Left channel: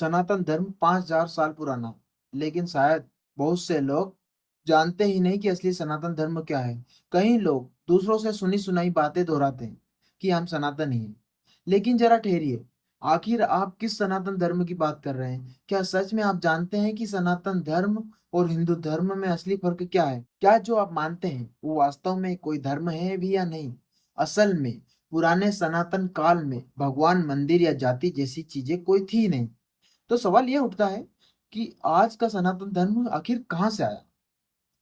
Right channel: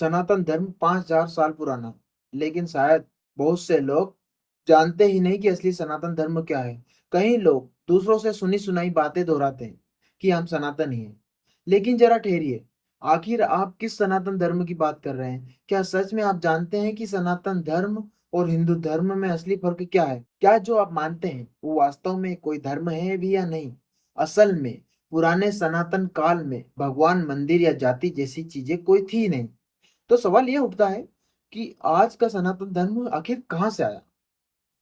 सनातन धर्म 5000 साल पुराना है, लेकिन शायद बहुत से लोग जानते ही नहीं कि असली सनातन धर्म क्या है। कई लोग दूसरों से सुनी सुनाई बातें दोहराते हैं कि हम सनातन ही हैं। लेकिन जरा ठहरिए, आखिर आप किस सनातन धर्म की बात कर रहे हैं? क्या सच में आप जानते हैं कि सनातन धर्म और हिंदू धर्म में असली फर्क क्या है? क्या जो आप मानते हैं वो वास्तव में कोई धर्म है भी या नहीं? असल में पुराने सनातन काल में भगवान, मंदिर या जाति जैसी चीजें कोई थी नहीं। तो सवाल ये उठता है कि आज का सनातन धर्म आखिर कहाँ से आया?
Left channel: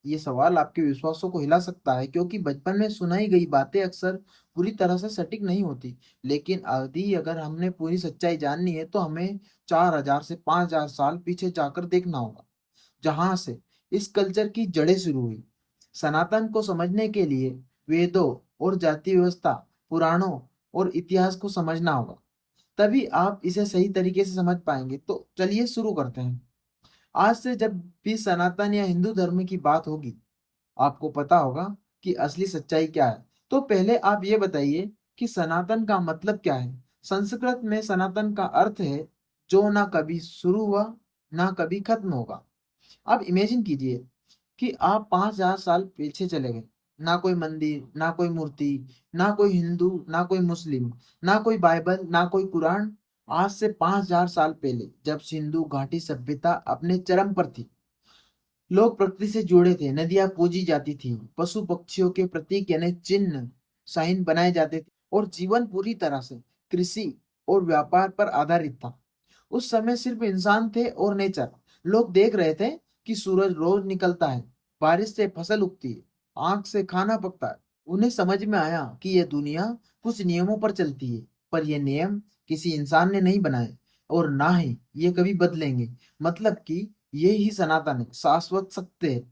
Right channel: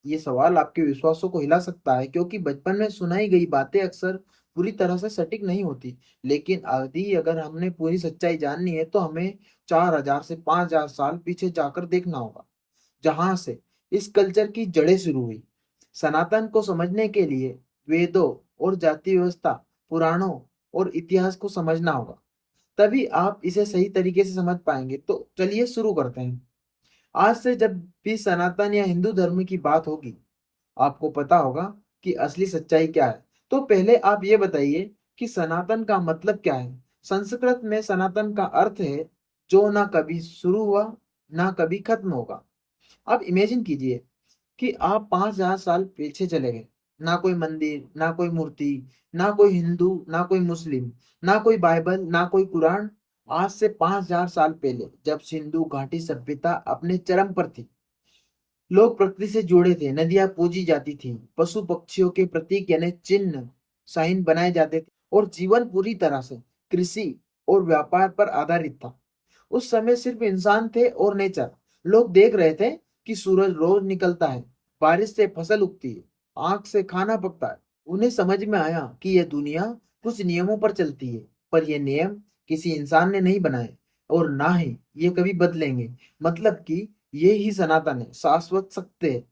ये सवाल आपके विश्वासों को हिला सकता है, क्योंकि बचपन में सुनाई गई बातें अक्सर पूरी तरह से सटीक नहीं होती। लेकिन यदि अगर हमने पूरी सच्चाई जाननी है तो हमें 4000 से 5000 साल पीछे जाकर देखना होगा, जहां से इस कल्चर की जड़ें शुरू हुई। सनातन को समझने के लिए वेदों और जाति व्यवस्था, पुराणों और इतिहास को समझना होगा। तभी आप इसे सही तरीके से समझ पाएंगे। तो चलिए शुरू करते हैं। आज से जब भी सनातन या हिंदू धर्म की बात होगी, आपको पता होगा कि असली सच्चाई क्या है। तो पहले आप ये बताइए कि सनातन का मतलब क्या है? संस्कृत में सनातन का अर्थ है जो ना कभी शुरू हुआ, ना कभी खत्म होगा। आप इमेजिन कीजिए कि आप 5000 साल पीछे चले गए। ना कोई मंदिर, ना कोई मूर्ति, ना कोई हिंदू, ना कोई मुस्लिम, ना कोई बाइबल, ना कोई कुरान। आज से 5000 साल पहले जब सिंधु घाटी सभ्यता अपने चरम पर थी, लोग प्रकृति से जुड़े थे, नदियां पूजी जाती थी, पशु पक्षियों के प्रतीक यानी चिन्ह, साइन बनाए जाते थे, और जीवन पूरी तरह से कृषि और व्यापार पर आधारित था। उस समय सिर्फ इंसान थे और नेचर। लोग देख रहे थे कि सूरज रोज निकलता है, बारिश से फसल उगती है, आग से खाना पकता है। उन्हें समझ में आया कि यह दुनिया कुछ नियमों पर चलती है, पर यह नियम किसी इंसान ने नहीं बनाए और ना ही ये कभी बदलेंगे। मतलब कि ये ही सनातन है, शाश्वत सत्य है,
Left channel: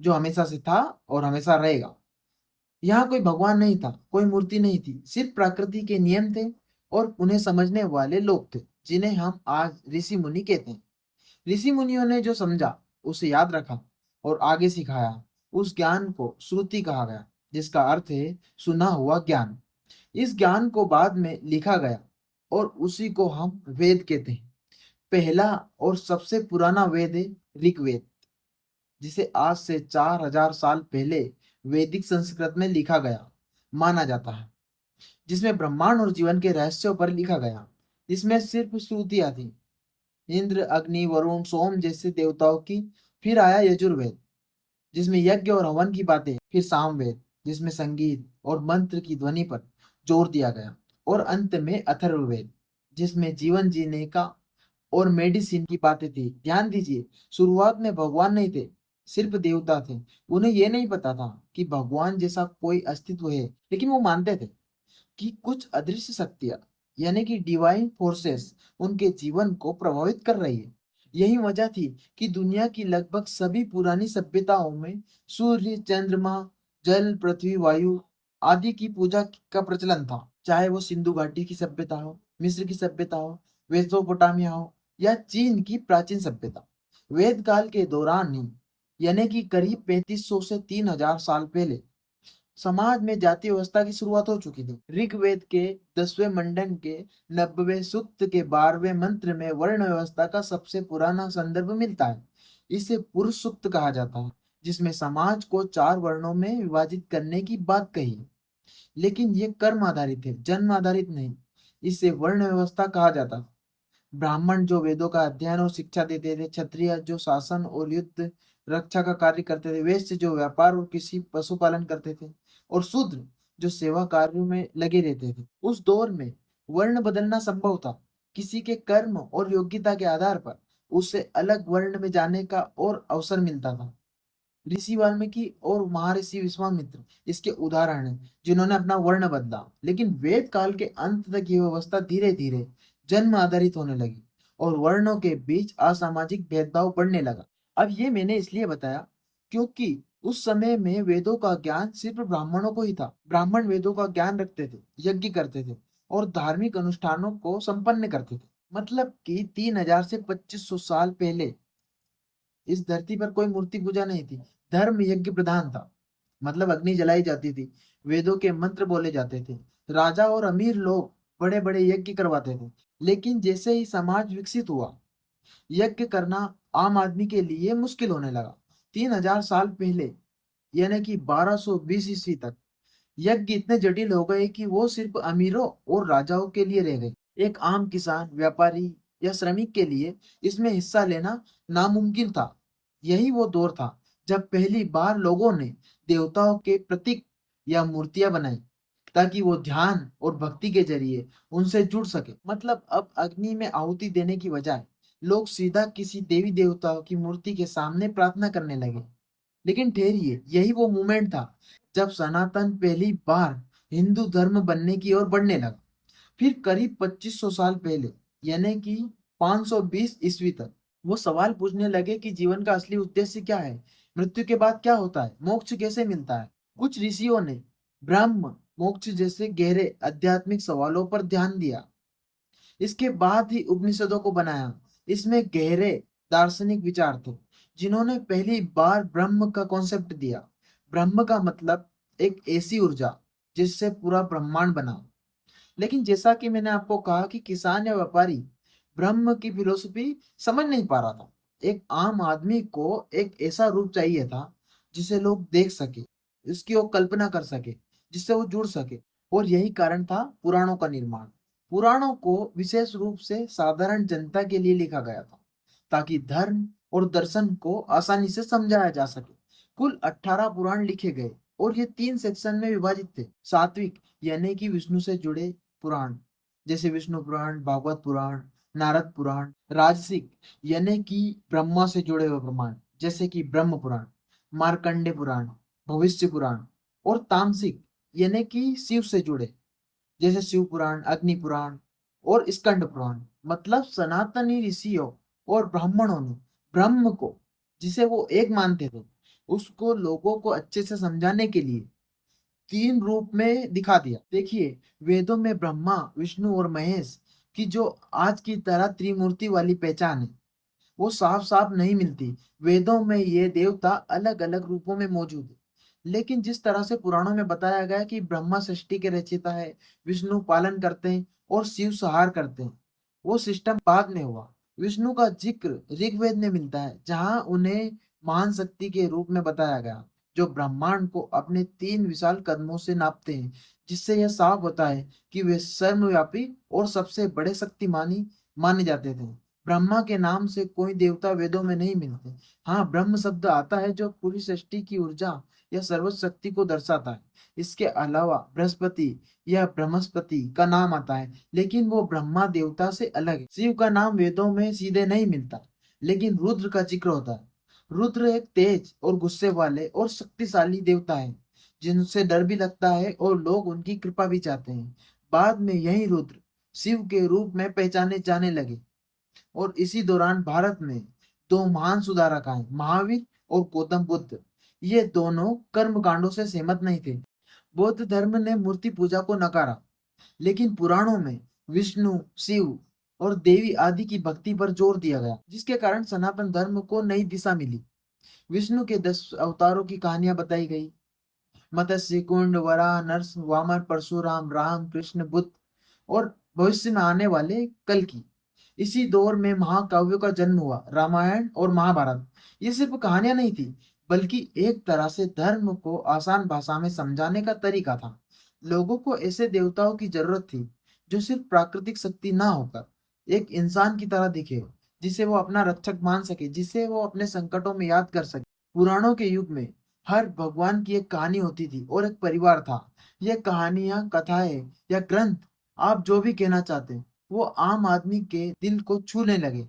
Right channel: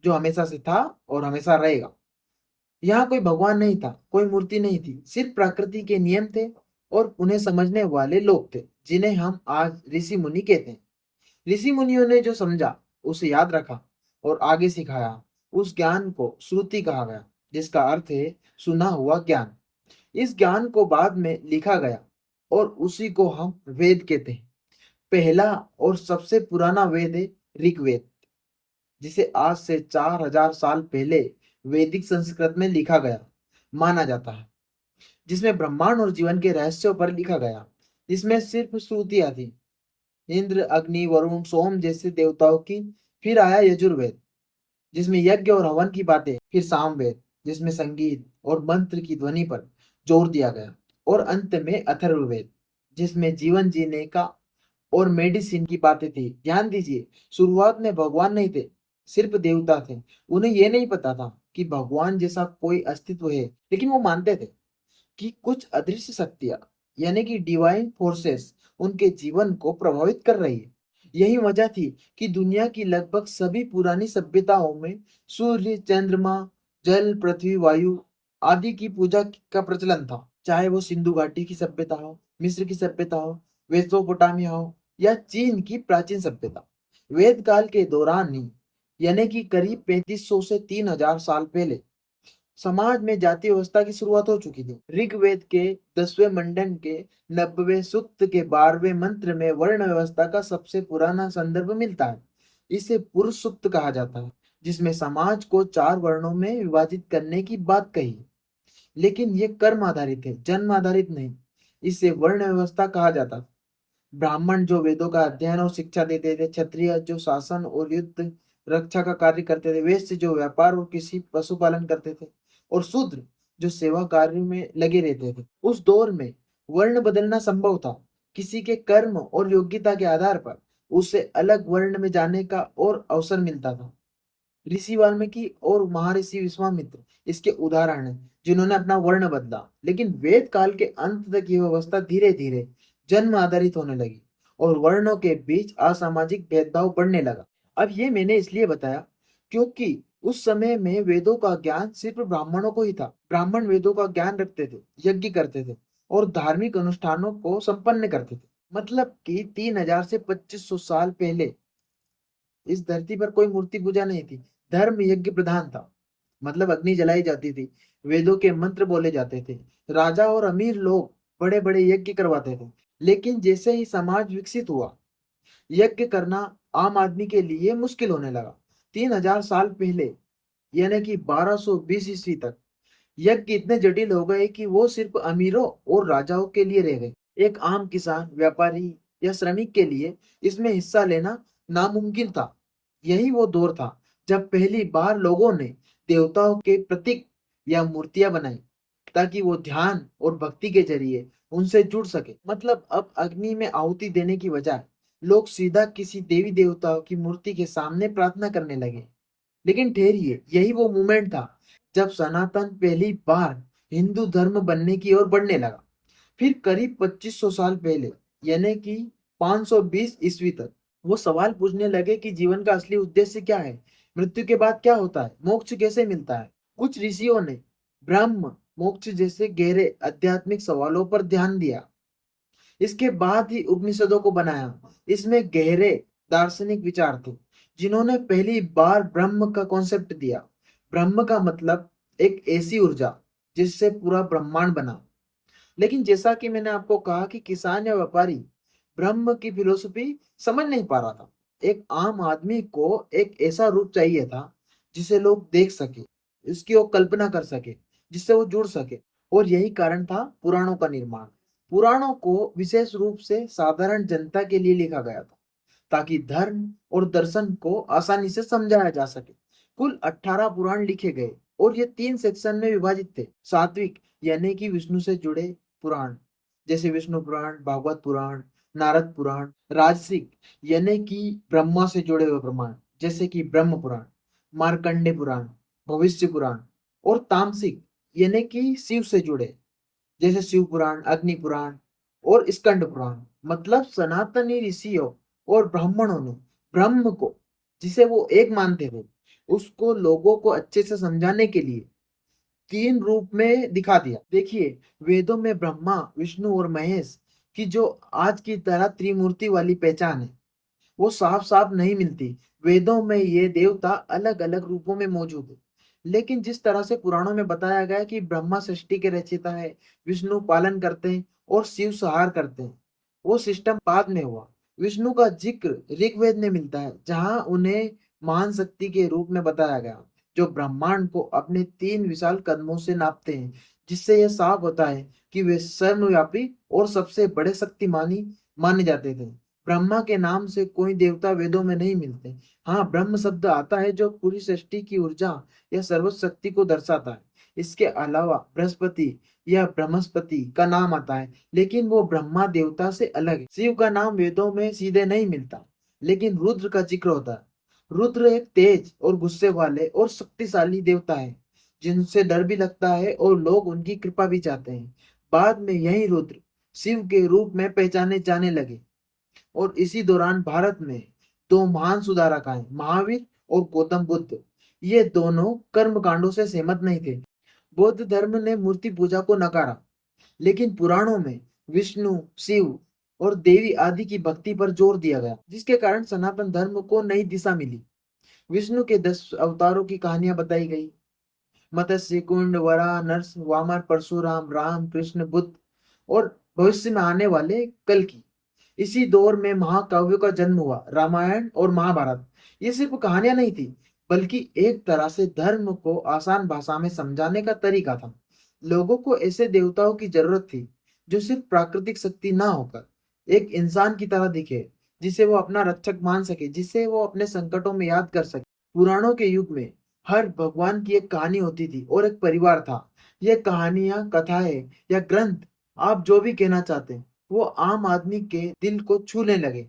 जो हमेशा से था और हमेशा रहेगा। यहाँ कोई भगवान नहीं था, कोई मूर्ति नहीं थी, सिर्फ प्रकृति के नियम थे और उन्हें समझने वाले लोग थे, जिन्हें हम आज ऋषि मुनि कहते हैं। ऋषि मुनियों ने जो समझा उसे याद रखा और आगे सिखाया। उस ज्ञान को श्रुति कहा गया, जिसका अर्थ है सुना हुआ ज्ञान। इस ज्ञान को बाद में लिखा गया और उसी को हम वेद कहते हैं। पहला और सबसे पुराना वेद है ऋग्वेद, जिसे आज से 4000 साल पहले वैदिक संस्कृत में लिखा गया माना जाता है, जिसमें ब्रह्मांड और जीवन के रहस्यों पर लिखा गया। इसमें सिर्फ स्तुतियां थी, इंद्र, अग्नि, वरुण, सोम जैसे देवताओं की। फिर आया यजुर्वेद, जिसमें यज्ञ और हवन की बातें। फिर सामवेद, जिसमें संगीत और मंत्र की ध्वनि पर जोर दिया गया। और अंत में अथर्ववेद, जिसमें जीवन जीने का और मेडिसिन की बातें थी। ध्यान दीजिए, शुरुआत में भगवान नहीं थे, सिर्फ देवता थे। उन्हें यह नहीं पता था कि भगवान जैसा कोई अस्तित्व है, लेकिन वो मानते थे कि कुछ अदृश्य शक्तियां, यानी कि डिवाइन फोर्सेस, उनके जीवन को प्रभावित कर रही है। यही वजह थी कि दुनिया की लगभग सभी पुरानी सभ्यताओं में सूर्य, चंद्रमा, जल, पृथ्वी, वायु आदि की पूजा का प्रचलन था। चाहे वो सिंधु घाटी की सभ्यता हो, मिस्र की सभ्यता हो, मेसोपोटामिया हो, या चीन की प्राचीन सभ्यता। वेद काल के दौरान ही, यानी कि करीब 3500 से 3000 साल पहले, समाज में जाति व्यवस्था की शुरुआत हो चुकी थी। ऋग्वेद के 10वें मंडन के 90वें सूक्त के 12वें मंत्र में वर्ण व्यवस्था का सबसे पुराना संदर्भ मिलता है। इसे पुरुष सूक्त कहा जाता है, जिसमें समाज को 4 वर्णों में विभाजित करने की बात कही है। लेकिन ये कर्म आधारित है, जन्म आधारित नहीं। इसे वर्ण व्यवस्था कहा जाता था। ब्राह्मण जो वेदों का अध्ययन और शिक्षा देते थे, क्षत्रिय जो शासन और युद्ध रक्षा का कार्य करते थे, वैश्य जो व्यापार और कृषि पशुपालन करते थे, और शूद्र जो सेवा कार्य में लगे रहते थे। उस दौर में वर्ण बदलना संभव था। किसी के कर्म और योग्यता के आधार पर उसे अलग वर्ण में जाने का और अवसर मिलता था। ऋषि वाल्मीकि और महर्षि विश्वामित्र इसके उदाहरण हैं, जिन्होंने अपना वर्ण बदला। लेकिन वेद काल के अंत तक यह व्यवस्था धीरे धीरे जन्म आधारित होने लगी और वर्णों के बीच असामाजिक भेदभाव बढ़ने लगा। अब ये मैंने इसलिए बताया क्योंकि उस समय में वेदों का ज्ञान सिर्फ ब्राह्मणों को ही था। ब्राह्मण वेदों का ज्ञान रखते थे, यज्ञ करते थे और धार्मिक अनुष्ठानों को संपन्न करते थे। मतलब कि 3000 से 2500 साल पहले इस धरती पर कोई मूर्ति पूजा नहीं थी। धर्म यज्ञ प्रधान था, मतलब अग्नि जलाई जाती थी, वेदों के मंत्र बोले जाते थे, राजा और अमीर लोग बड़े बड़े यज्ञ करवाते थे। लेकिन जैसे ही समाज विकसित हुआ, यज्ञ करना आम आदमी के लिए मुश्किल होने लगा। 3000 साल पहले, यानी कि 1220 ईस्वी तक, यज्ञ इतने जटिल हो गए कि वो सिर्फ अमीरों और राजाओं के लिए रह गए। एक आम किसान, व्यापारी या श्रमिक के लिए इसमें हिस्सा लेना नामुमकिन था। यही वो दौर था जब पहली बार लोगों ने देवताओं के प्रतीक या मूर्तियां बनाई, ताकि वो ध्यान और भक्ति के जरिए उनसे जुड़ सके। मतलब अब अग्नि में आहुति देने की बजाय लोग सीधा किसी देवी देवताओं की मूर्ति के सामने प्रार्थना करने लगे। लेकिन ठहरिए, यही वो मोमेंट था जब सनातन पहली बार हिंदू धर्म बनने की ओर बढ़ने लगा। फिर करीब 2500 साल पहले, यानी कि 520 ईस्वी तक, वो सवाल पूछने लगे कि जीवन का असली उद्देश्य क्या है, मृत्यु के बाद क्या होता है, मोक्ष कैसे मिलता है। कुछ ऋषियों ने ब्रह्म, मोक्ष जैसे गहरे आध्यात्मिक सवालों पर ध्यान दिया। इसके बाद ही उपनिषदों को बनाया। इसमें गहरे दार्शनिक विचार थे, जिन्होंने पहली बार ब्रह्म का कॉन्सेप्ट दिया। ब्रह्म का मतलब एक ऐसी ऊर्जा जिससे पूरा ब्रह्मांड बना। लेकिन जैसा कि मैंने आपको कहा कि किसान या व्यापारी ब्रह्म की फिलोसफी समझ नहीं पा रहा था। एक आम आदमी को एक ऐसा रूप चाहिए था जिसे लोग देख सके, इसकी वो कल्पना कर सके, जिससे वो जुड़ सके। और यही कारण था पुराणों का निर्माण। पुराणों को विशेष रूप से साधारण जनता के लिए लिखा गया था, ताकि धर्म और दर्शन को आसानी से समझाया जा सके। कुल 18 पुराण लिखे गए और ये 3 सेक्शन में विभाजित थे। सात्विक, यानी कि विष्णु से जुड़े पुराण, जैसे विष्णु पुराण, भागवत पुराण, नारद पुराण। राजसिक, यानी कि ब्रह्मा से जुड़े हुए प्रमाण, जैसे कि ब्रह्म पुराण, मार्कंडे पुराण, भविष्य पुराण। और तामसिक, यानी कि शिव से जुड़े, जैसे शिव पुराण, अग्नि पुराण और स्कंद पुराण। मतलब सनातनी ऋषियों और ब्राह्मणों ने ब्रह्म को, जिसे वो एक मानते थे, उसको लोगों को अच्छे से समझाने के लिए 3 रूप में दिखा दिया। देखिए, वेदों में ब्रह्मा, विष्णु और महेश की जो आज की तरह त्रिमूर्ति वाली पहचान है, वो साफ साफ नहीं मिलती। वेदों में ये देवता अलग अलग रूपों में मौजूद है। लेकिन जिस तरह से पुराणों में बताया गया कि ब्रह्मा सृष्टि के रचयिता है, विष्णु पालन करते हैं और शिव संहार करते हैं, वो सिस्टम बाद में हुआ। विष्णु का जिक्र ऋग्वेद में मिलता है, जहां उन्हें महान शक्ति के रूप में बताया गया, जो ब्रह्मांड को अपने 3 विशाल कदमों से नापते हैं। जिससे यह साफ होता है कि वे सर्वव्यापी और सबसे बड़े शक्तिमानी माने जाते थे। ब्रह्मा के नाम से कोई देवता वेदों में नहीं मिलते। हाँ, ब्रह्म शब्द आता है जो पूरी सृष्टि की ऊर्जा या सर्वशक्ति को दर्शाता है। इसके अलावा बृहस्पति या ब्रह्मस्पति का नाम आता है, लेकिन वो ब्रह्मा देवता से अलग है। शिव का नाम वेदों में सीधे नहीं मिलता, लेकिन रुद्र का जिक्र होता है। रुद्र एक तेज और गुस्से वाले और शक्तिशाली देवता है, जिनसे डर भी लगता है और लोग उनकी कृपा भी चाहते हैं। बाद में यही रुद्र शिव के रूप में पहचाने जाने लगे। और इसी दौरान भारत में 2 महान सुधारक आए, महावीर और गौतम बुद्ध। ये दोनों कर्म कांडों से सहमत नहीं थे। बौद्ध धर्म ने मूर्ति पूजा को नकारा, लेकिन पुराणों में विष्णु, शिव और देवी आदि की भक्ति पर जोर दिया गया, जिसके कारण सनातन धर्म को नई दिशा मिली। विष्णु के 10 अवतारों की कहानियां बताई गई, मत्स्य, कुंड, वराह, नरस, वामन, परशुराम, राम, कृष्ण, बुद्ध और भविष्य में आने वाले कल की। इसी दौर में महाकाव्यों का जन्म हुआ, रामायण और महाभारत। ये सिर्फ कहानियां नहीं थी, बल्कि एक तरह से धर्म को आसान भाषा में समझाने का तरीका था। लोगों को ऐसे देवताओं की जरूरत थी जो सिर्फ प्राकृतिक शक्ति ना होकर एक इंसान की तरह दिखे, जिसे वो अपना रक्षक मान सके, जिसे वो अपने संकटों में याद कर सके। पुराणों के युग में हर भगवान की एक कहानी होती थी और एक परिवार था। ये कहानियां, कथाएं या ग्रंथ, आप जो भी कहना चाहते हैं, वो आम आदमी के दिल को छूने लगे,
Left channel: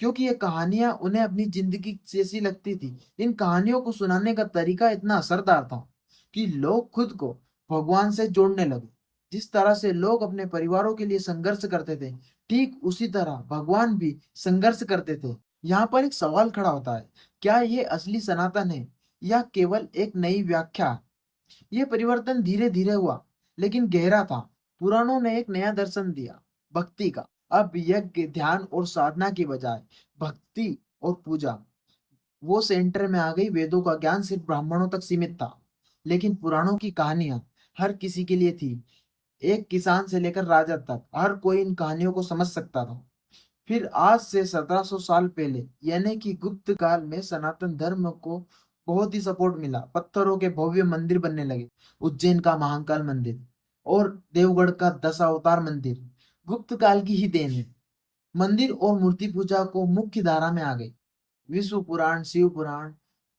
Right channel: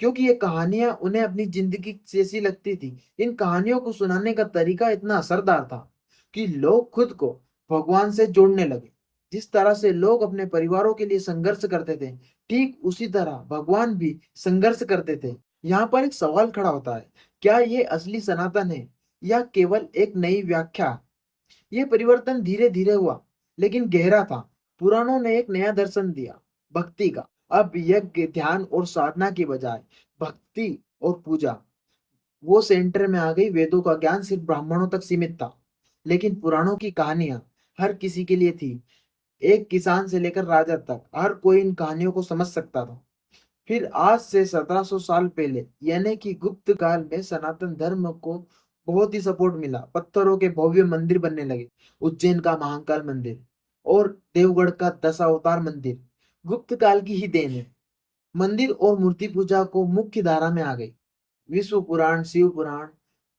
क्योंकि ये कहानियां उन्हें अपनी जिंदगी जैसी लगती थी। इन कहानियों को सुनाने का तरीका इतना असरदार था कि लोग खुद को भगवान से जोड़ने लगे। जिस तरह से लोग अपने परिवारों के लिए संघर्ष करते थे, ठीक उसी तरह भगवान भी संघर्ष करते थे। यहाँ पर एक सवाल खड़ा होता है, क्या ये असली सनातन है या केवल एक नई व्याख्या? ये परिवर्तन धीरे धीरे हुआ, लेकिन गहरा था। पुराणों ने एक नया दर्शन दिया, भक्ति का। अब यज्ञ, ध्यान और साधना की बजाय भक्ति और पूजा वो सेंटर में आ गई। वेदों का ज्ञान सिर्फ ब्राह्मणों तक सीमित था, लेकिन पुराणों की कहानियां हर किसी के लिए थी। एक किसान से लेकर राजा तक हर कोई इन कहानियों को समझ सकता था। फिर आज से 1700 साल पहले यानी कि गुप्त काल में सनातन धर्म को बहुत ही सपोर्ट मिला। पत्थरों के भव्य मंदिर बनने लगे। उज्जैन का महाकाल मंदिर और देवगढ़ का दशावतार मंदिर गुप्त काल की ही देन है। मंदिर और मूर्ति पूजा को मुख्य धारा में आ गई। विष्णु पुराण, शिव पुराण,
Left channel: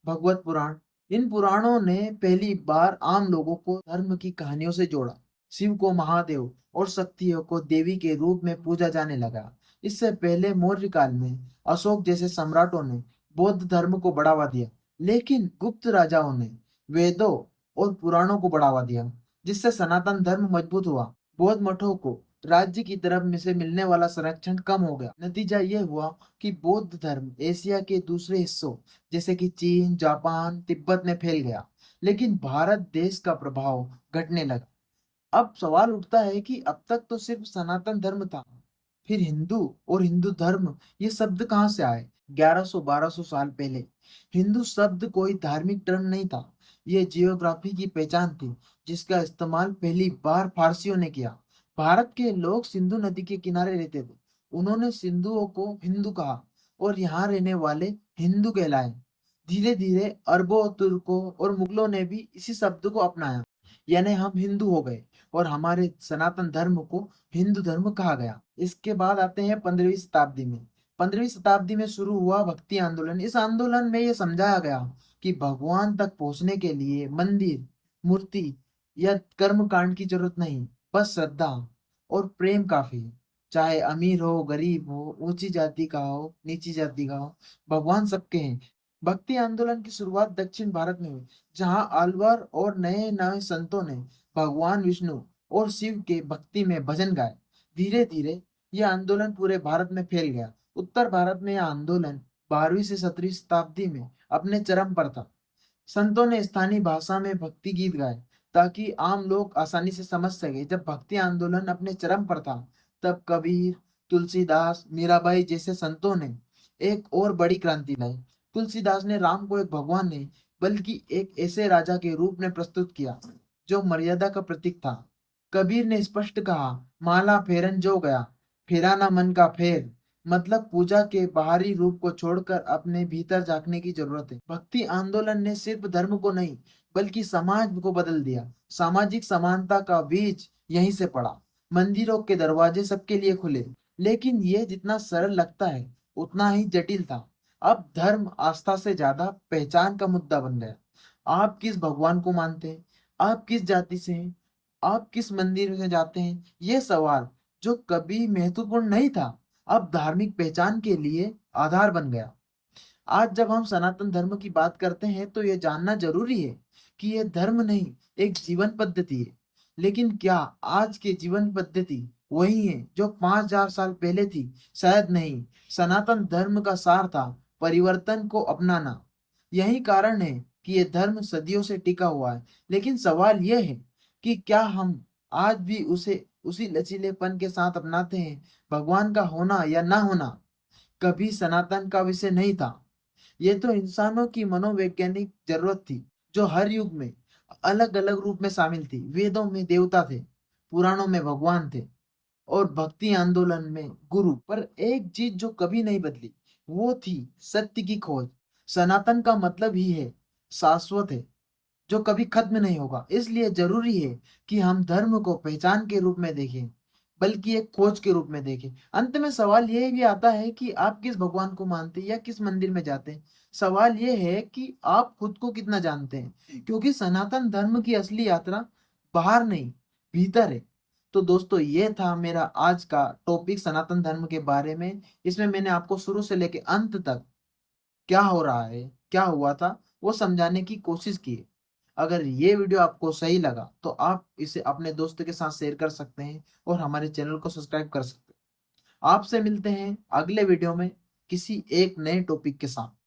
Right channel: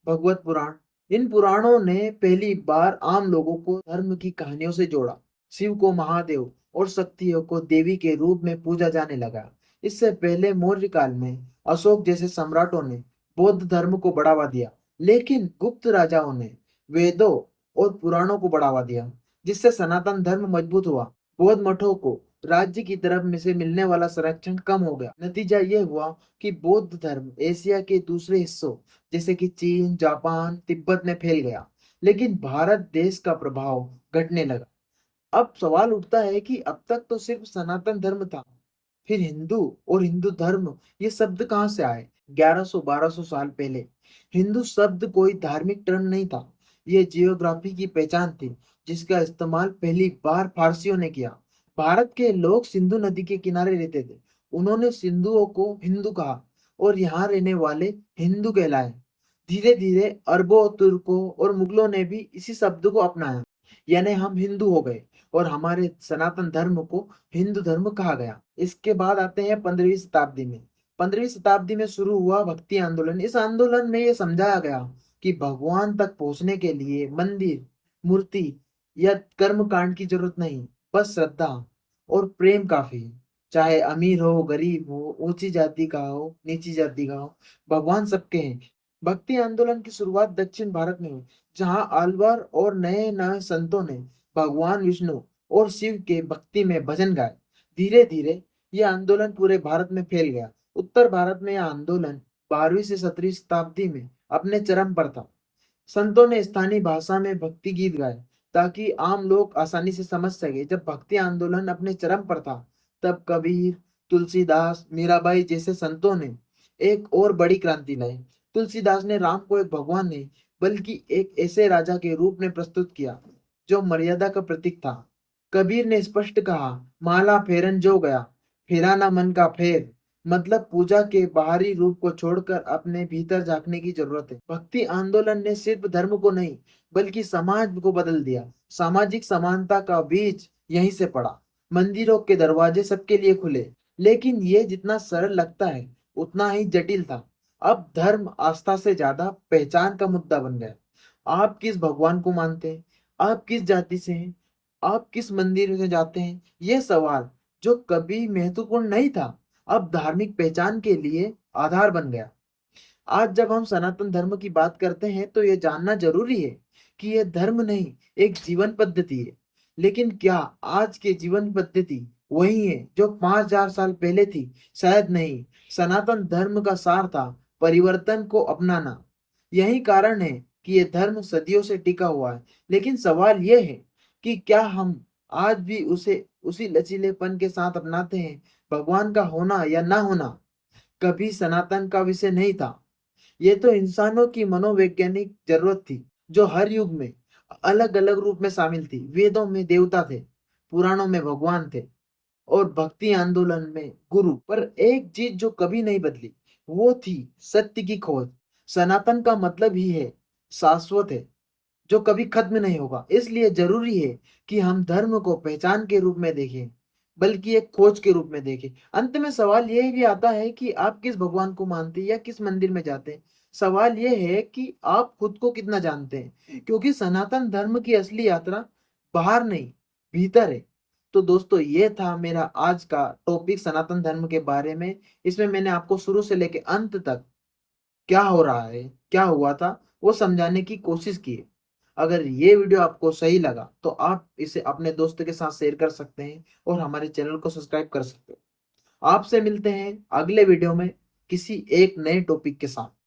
भगवत पुराण, इन पुराणों ने पहली बार आम लोगों को धर्म की कहानियों से जोड़ा। शिव को महादेव और शक्तियों को देवी के रूप में पूजा जाने लगा। इससे पहले मौर्य काल में अशोक जैसे सम्राटों ने बौद्ध धर्म को बढ़ावा दिया, लेकिन गुप्त राजाओं ने वेदों और पुराणों को बढ़ावा दिया, जिससे सनातन धर्म मजबूत हुआ। बौद्ध मठों को राज्य की तरफ में से मिलने वाला संरक्षण कम हो गया। नतीजा यह हुआ कि बौद्ध धर्म एशिया के दूसरे हिस्सों जैसे कि चीन, जापान, तिब्बत में फैल गया, लेकिन भारत देश का प्रभाव घटने लगा। अब सवाल उठता है कि अब तक तो सिर्फ सनातन धर्म था, फिर हिंदू और हिंदू धर्म ये शब्द कहाँ से आए? 1100-1200 साल पहले हिंदू शब्द कोई धार्मिक टर्म नहीं था, ये जियोग्राफी की पहचान थी जिसका इस्तेमाल पहली बार फारसियों ने किया। भारत के लोग सिंधु नदी के किनारे रहते थे, उन्होंने सिंधुओं को हिंदू कहा और यहाँ रहने वाले हिंदू कहलाए। धीरे धीरे अरबों, तुर्कों और मुगलों ने भी इसी शब्द को अपनाया, यानी हम हिंदू हो गए और हमारे सनातन धर्म को हिंदू धर्म कहा गया। इसके बाद आते हैं 15वीं शताब्दी में। 15वीं शताब्दी में शुरू हुआ भक्ति आंदोलन। इस आंदोलन में यह समझाया गया कि भगवान तक पहुंचने के लिए मंदिर, मूर्ति या कर्म कांड की जरूरत नहीं, बस श्रद्धा और प्रेम काफी है। चाहे अमीर हो, गरीब हो, ऊंची जाति का हो, नीची जाति का हो, भगवान सबके हैं। भक्ति आंदोलन की शुरुआत दक्षिण भारत में हुई, जहां आल्वार और नए नए संतों ने भगवान विष्णु और शिव के भक्ति में भजन गाए। धीरे धीरे यह आंदोलन पूरे भारत में फैल गया। उत्तर भारत में यह आंदोलन 12वीं से 17वीं शताब्दी में अपने चरम पर था। संतों ने स्थानीय भाषा में भक्ति गीत गाए ताकि आम लोग आसानी से समझ सके। जब भक्ति आंदोलन अपने चरम पर था, तब कबीर, तुलसीदास, मीराबाई जैसे संतों ने एक और बड़ी क्रांति लाई। तुलसीदास ने राम को एक भगवान नहीं बल्कि एक ऐसे राजा के रूप में प्रस्तुत किया जो मर्यादा का प्रतीक था। कबीर ने स्पष्ट कहा, माला फेरन जो गया, फेरा ना मन का फेर। मतलब पूजा के बाहरी रूप को छोड़कर अपने भीतर झांकने की जरूरत है। भक्ति आंदोलन ने सिर्फ धर्म को नहीं बल्कि समाज को बदल दिया। सामाजिक समानता का बीज यहीं से पड़ा। मंदिरों के दरवाजे सबके लिए खुले, लेकिन ये जितना सरल लगता है उतना ही जटिल था। अब धर्म आस्था से ज्यादा पहचान का मुद्दा बन गया। आप किस भगवान को मानते हैं, आप किस जाति से हैं, आप किस मंदिर में जाते हैं, ये सवाल जो कभी महत्वपूर्ण नहीं था अब धार्मिक पहचान के लिए आधार बन गया। आज जब हम सनातन धर्म की बात करते हैं तो यह जानना जरूरी है कि यह धर्म नहीं, एक जीवन पद्धति है। लेकिन क्या आज की जीवन पद्धति वही है जो 5000 साल पहले थी? शायद नहीं। सनातन धर्म का सार था परिवर्तन को अपनाना। यही कारण है कि यह धर्म सदियों से टिका हुआ है। लेकिन सवाल यह है कि क्या हम आज भी उसे उसी लचीलेपन के साथ अपनाते हैं? भगवान का होना या ना होना कभी सनातन का विषय नहीं था। ये तो इंसानों की मनोवैज्ञानिक जरूरत थी जो हर युग में अलग अलग रूप में शामिल थी। वेदों में देवता थे, पुराणों में भगवान थे और भक्ति आंदोलन में गुरु। पर एक चीज जो कभी नहीं बदली वो थी सत्य की खोज। सनातन का मतलब ही है शाश्वत है, जो कभी खत्म नहीं होगा। इसलिए जरूरी है कि हम धर्म को पहचान के रूप में देखें बल्कि एक खोज के रूप में देखें। अंत में सवाल यह भी आता है कि आप किस भगवान को मानते हैं या किस मंदिर में जाते हैं। सवाल यह है कि आप खुद को कितना जानते हैं, क्योंकि सनातन धर्म की असली यात्रा बाहर नहीं, भीतर है। तो दोस्तों, ये था मेरा आज का टॉपिक सनातन धर्म के बारे में। इसमें मैंने आपको शुरू से लेकर अंत तक क्या हो रहा है, क्या हुआ था, वो समझाने की कोशिश की है। अगर ये वीडियो आपको सही लगा तो आप इसे अपने दोस्त के साथ शेयर कर सकते हैं और हमारे चैनल को सब्सक्राइब कर सकते हैं। आपसे मिलते हैं अगले वीडियो में किसी एक नए टॉपिक के साथ।